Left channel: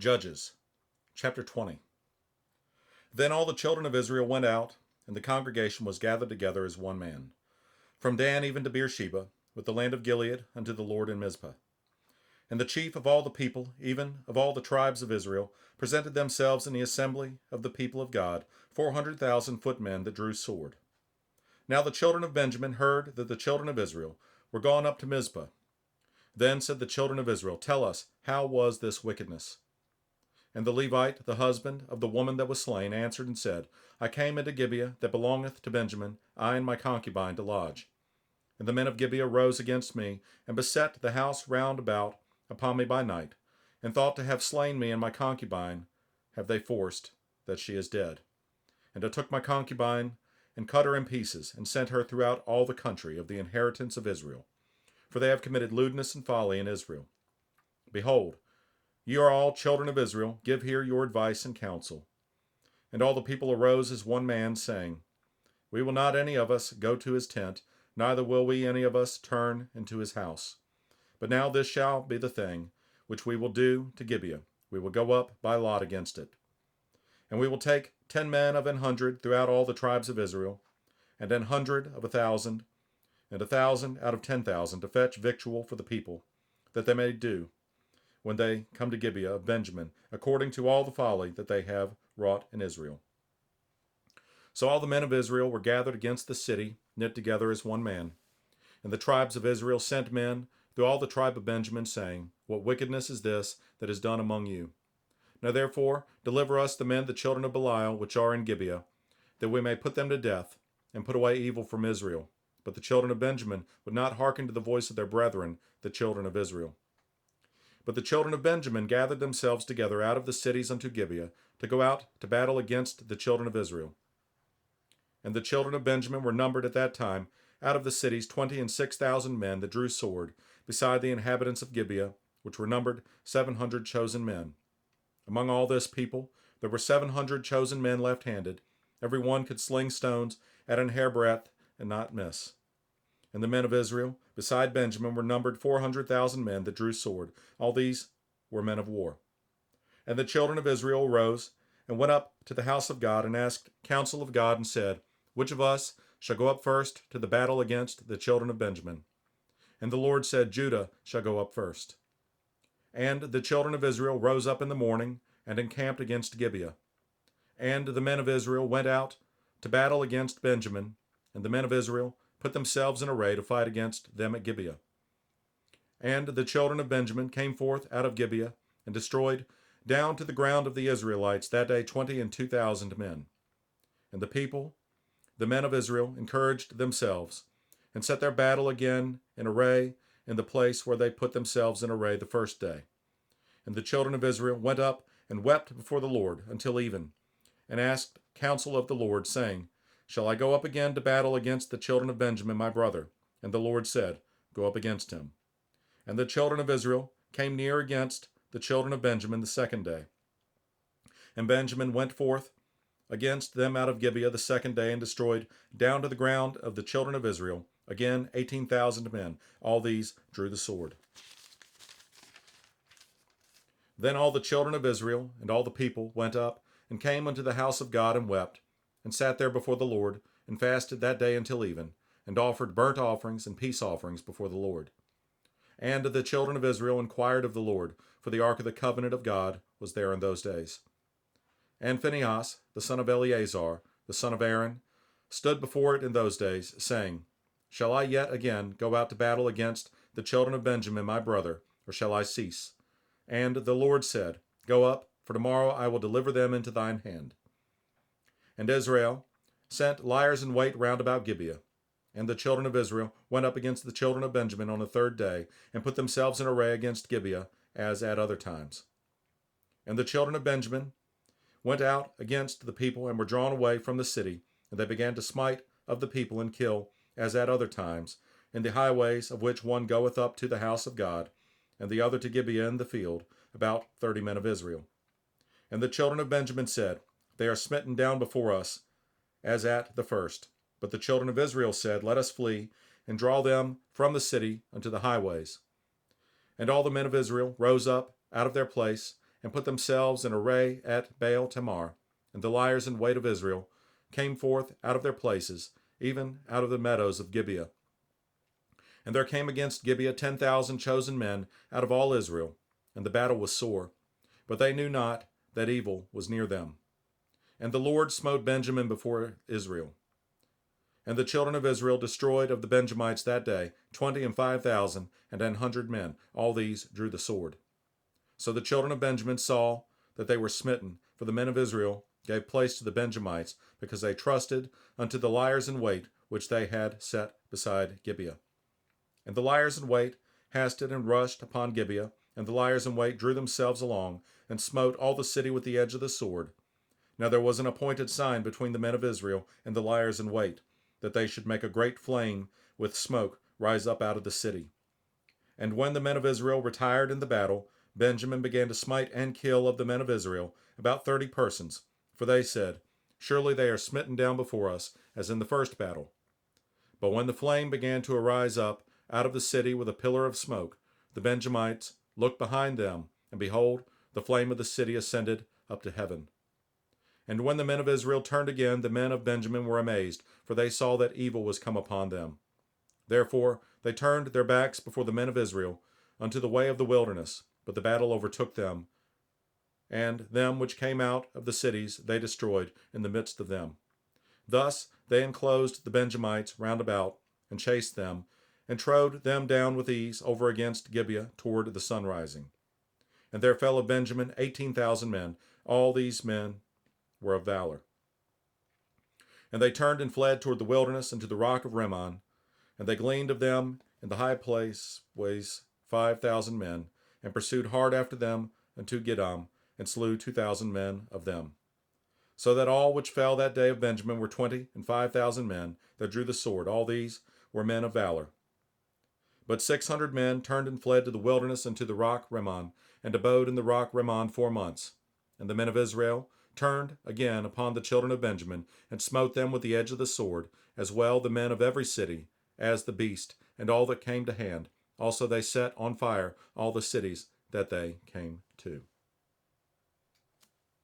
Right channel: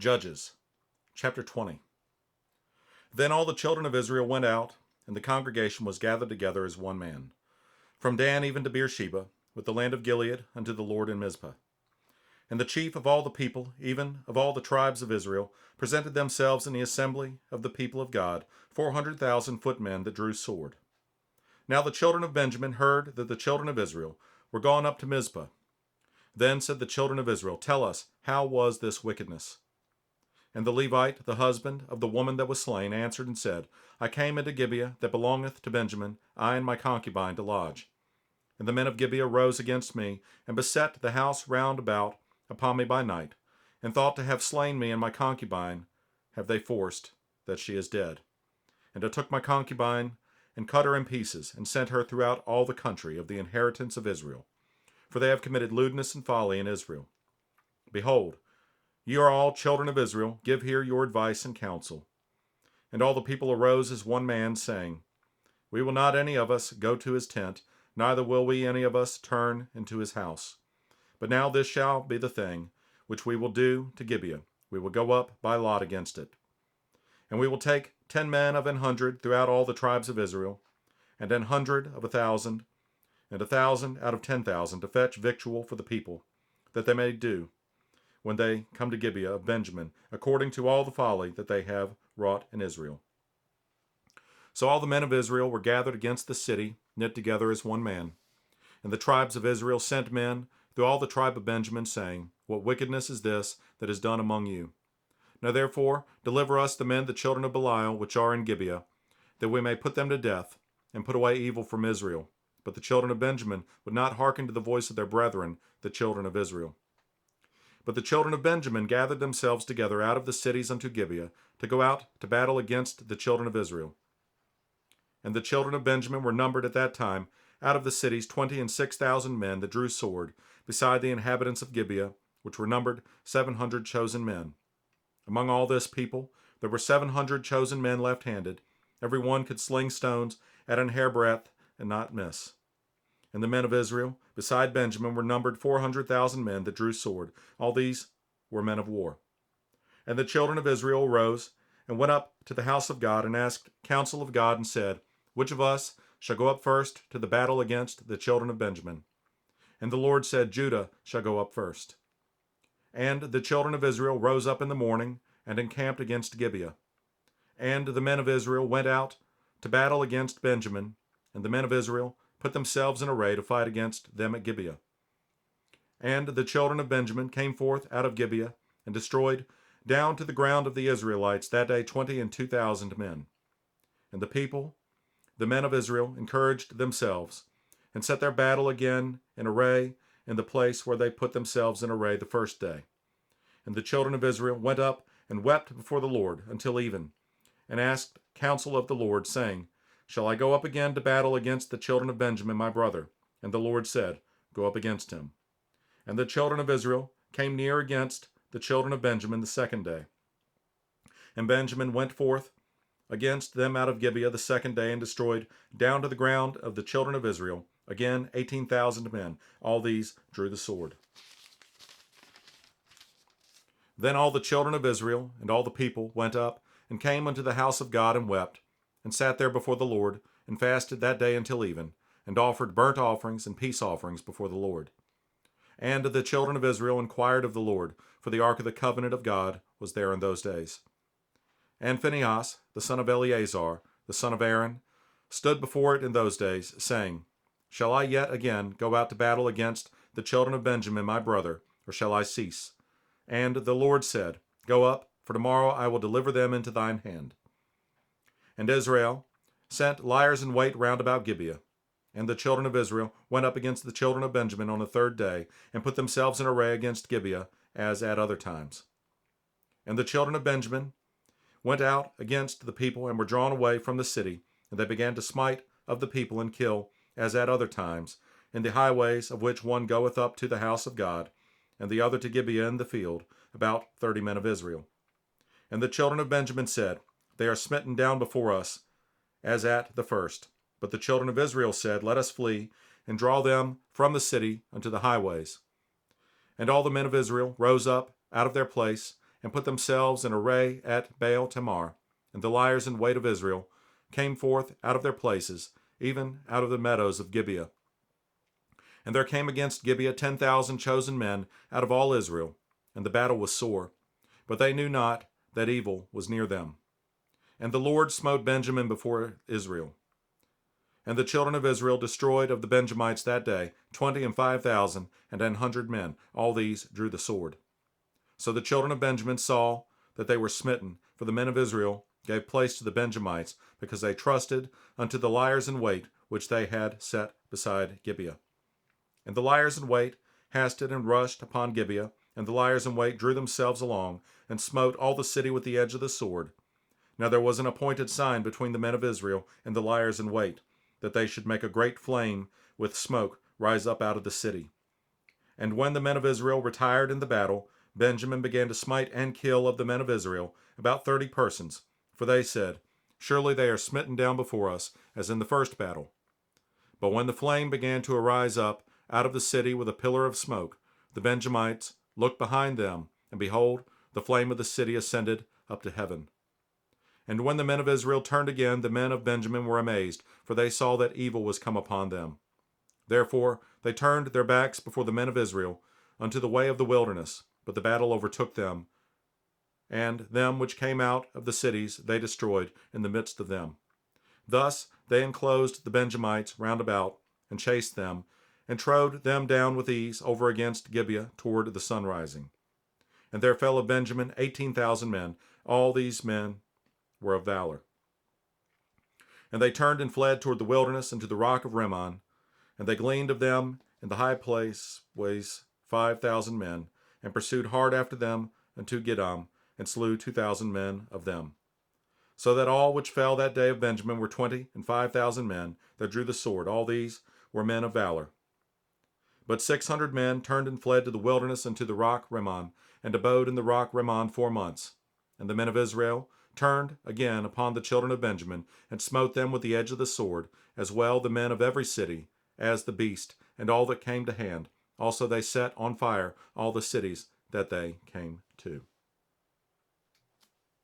Judges, chapter 20. Then all the children of Israel went out, and the congregation was gathered together as one man, from Dan even to Beersheba, with the land of Gilead, unto the Lord in Mizpah. And the chief of all the people, even of all the tribes of Israel, presented themselves in the assembly of the people of God, 400,000 footmen that drew sword. Now the children of Benjamin heard that the children of Israel were gone up to Mizpah. Then said the children of Israel, Tell us, how was this wickedness? And the Levite, the husband of the woman that was slain, answered and said, I came into Gibeah that belongeth to Benjamin, I and my concubine to lodge. And the men of Gibeah rose against me, and beset the house round about upon me by night, and thought to have slain me and my concubine have they forced, that she is dead. And I took my concubine, and cut her in pieces, and sent her throughout all the country of the inheritance of Israel. For they have committed lewdness and folly in Israel. Behold, ye are all children of Israel, give here your advice and counsel. And all the people arose as one man, saying, We will not any of us go to his tent, neither will we any of us turn into his house. But now this shall be the thing which we will do to Gibeah. We will go up by lot against it. And we will take 10 men of 100 throughout all the tribes of Israel, and 100 of 1,000, and 1,000 out of 10,000 to fetch victual for the people, that they may do, when they come to Gibeah of Benjamin, according to all the folly that they have wrought in Israel. So all the men of Israel were gathered against the city, knit together as one man. And the tribes of Israel sent men through all the tribe of Benjamin, saying, What wickedness is this that is done among you? Now therefore deliver us the men, the children of Belial, which are in Gibeah, that we may put them to death, and put away evil from Israel. But the children of Benjamin would not hearken to the voice of their brethren, the children of Israel. But the children of Benjamin gathered themselves together out of the cities unto Gibeah, to go out to battle against the children of Israel. And the children of Benjamin were numbered at that time out of the cities 26,000 men that drew sword, beside the inhabitants of Gibeah, which were numbered 700 chosen men. Among all this people there were 700 chosen men left-handed. Every one could sling stones at an hairbreadth and not miss. And the men of Israel, beside Benjamin, were numbered 400,000 men that drew sword. All these were men of war. And the children of Israel rose and went up to the house of God, and asked counsel of God, and said, Which of us shall go up first to the battle against the children of Benjamin? And the Lord said, Judah shall go up first. And the children of Israel rose up in the morning, and encamped against Gibeah. And the men of Israel went out to battle against Benjamin, and the men of Israel put themselves in array to fight against them at Gibeah. And the children of Benjamin came forth out of Gibeah, and destroyed down to the ground of the Israelites that day 22,000 men. And the people, the men of Israel, encouraged themselves, and set their battle again in array in the place where they put themselves in array the first day. And the children of Israel went up and wept before the Lord until even, and asked counsel of the Lord, saying, Shall I go up again to battle against the children of Benjamin my brother? And the Lord said, Go up against him. And the children of Israel came near against the children of Benjamin the second day. And Benjamin went forth against them out of Gibeah the second day, and destroyed down to the ground of the children of Israel, again 18,000 men. All these drew the sword. Then all the children of Israel and all the people went up, and came unto the house of God, and wept, and sat there before the Lord, and fasted that day until even, and offered burnt offerings and peace offerings before the Lord. And the children of Israel inquired of the Lord, for the ark of the covenant of God was there in those days. And Phinehas, the son of Eleazar, the son of Aaron, stood before it in those days, saying, Shall I yet again go out to battle against the children of Benjamin my brother, or shall I cease? And the Lord said, Go up, for tomorrow I will deliver them into thine hand. And Israel sent liers in wait round about Gibeah. And the children of Israel went up against the children of Benjamin on the third day, and put themselves in array against Gibeah, as at other times. And the children of Benjamin went out against the people, and were drawn away from the city, and they began to smite of the people, and kill, as at other times, in the highways, of which one goeth up to the house of God, and the other to Gibeah in the field, about 30 men of Israel. And the children of Benjamin said, They are smitten down before us, as at the first. But the children of Israel said, Let us flee, and draw them from the city unto the highways. And all the men of Israel rose up out of their place, and put themselves in array at Baal Tamar. And the liers in wait of Israel came forth out of their places, even out of the meadows of Gibeah. And there came against Gibeah 10,000 chosen men out of all Israel, and the battle was sore. But they knew not that evil was near them. And the Lord smote Benjamin before Israel. And the children of Israel destroyed of the Benjamites that day 25,000 and 100 men. All these drew the sword. So the children of Benjamin saw that they were smitten, for the men of Israel gave place to the Benjamites, because they trusted unto the liers in wait which they had set beside Gibeah. And the liers in wait hasted and rushed upon Gibeah, and the liers in wait drew themselves along, and smote all the city with the edge of the sword. Now there was an appointed sign between the men of Israel and the liers in wait, that they should make a great flame with smoke rise up out of the city. And when the men of Israel retired in the battle, Benjamin began to smite and kill of the men of Israel about 30 persons, for they said, Surely they are smitten down before us, as in the first battle. But when the flame began to arise up out of the city with a pillar of smoke, the Benjamites looked behind them, and behold, the flame of the city ascended up to heaven. And when the men of Israel turned again, the men of Benjamin were amazed, for they saw that evil was come upon them. Therefore they turned their backs before the men of Israel unto the way of the wilderness, but the battle overtook them, and them which came out of the cities they destroyed in the midst of them. Thus they enclosed the Benjamites round about, and chased them, and trode them down with ease over against Gibeah toward the sunrising. And there fell of Benjamin 18,000 men. All these men were of valor. And they turned and fled toward the wilderness and to the rock of Rimmon. And they gleaned of them in the high place ways 5,000 men, and pursued hard after them unto Gidom, and slew 2,000 men of them. So that all which fell that day of Benjamin were 25,000 men that drew the sword. All these were men of valor. But 600 men turned and fled to the wilderness and to the rock Rimmon, and abode in the rock Rimmon 4 months. And the men of Israel turned again upon the children of Benjamin, and smote them with the edge of the sword, as well the men of every city, as the beast, and all that came to hand. Also they set on fire all the cities that they came to.